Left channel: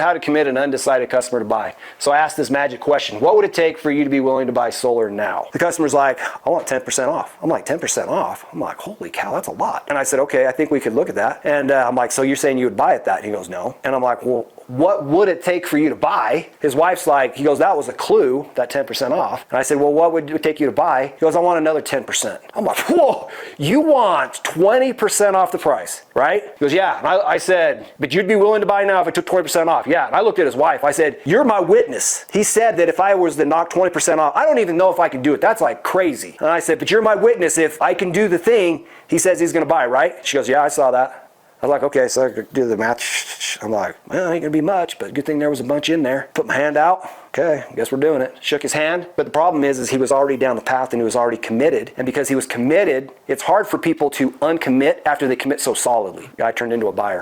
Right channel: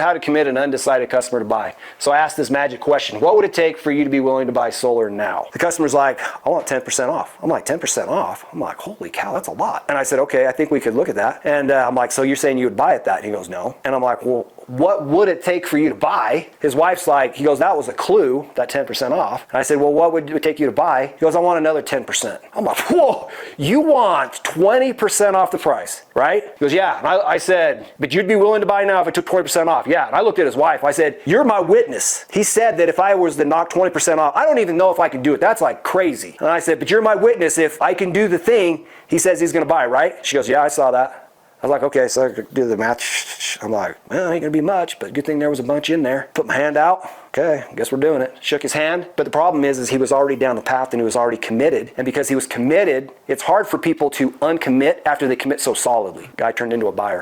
how to commit an undecided customer to buy. So I asked this magic question: what would it take for you to be willing to buy solar now? The customer's like, I want 10% off. I'm like, 10% off? I'm like, holy cow, that's a lot. And I said, okay, I think we could look at that. And I'm like, so you're saying you would buy at that? And he goes, no. And I'm like, well, what would it take for you to buy? His wife's like, he goes, that was a clue, that 10% off. And I said, well, what would it take you to buy? He goes, I want another 10%. I'm like, whoa, you want 20% off the price, right? He goes, yeah. And I said, but you'd be willing to buy now if I took 20% off? Yeah. And I looked at his wife. I said, you're my witness. He said that if I was to knock 20% off, I don't even know if I can do it. That's like crazy. And I said, but you're my witness. If I can do the thing he says he's going to buy, right? She goes, yeah, I saw that. I was like, okay, so I do the math. I'm like, well, ain't gonna be much, but good thing there was a bunch in there. Put my hand out. Okay, guess we're doing it. Shook his hand. But the problem is he was already down the path and he was already committed. And because he was committed, it's hard for people to uncommit after they commit so solidly. Guy turned into a buyer.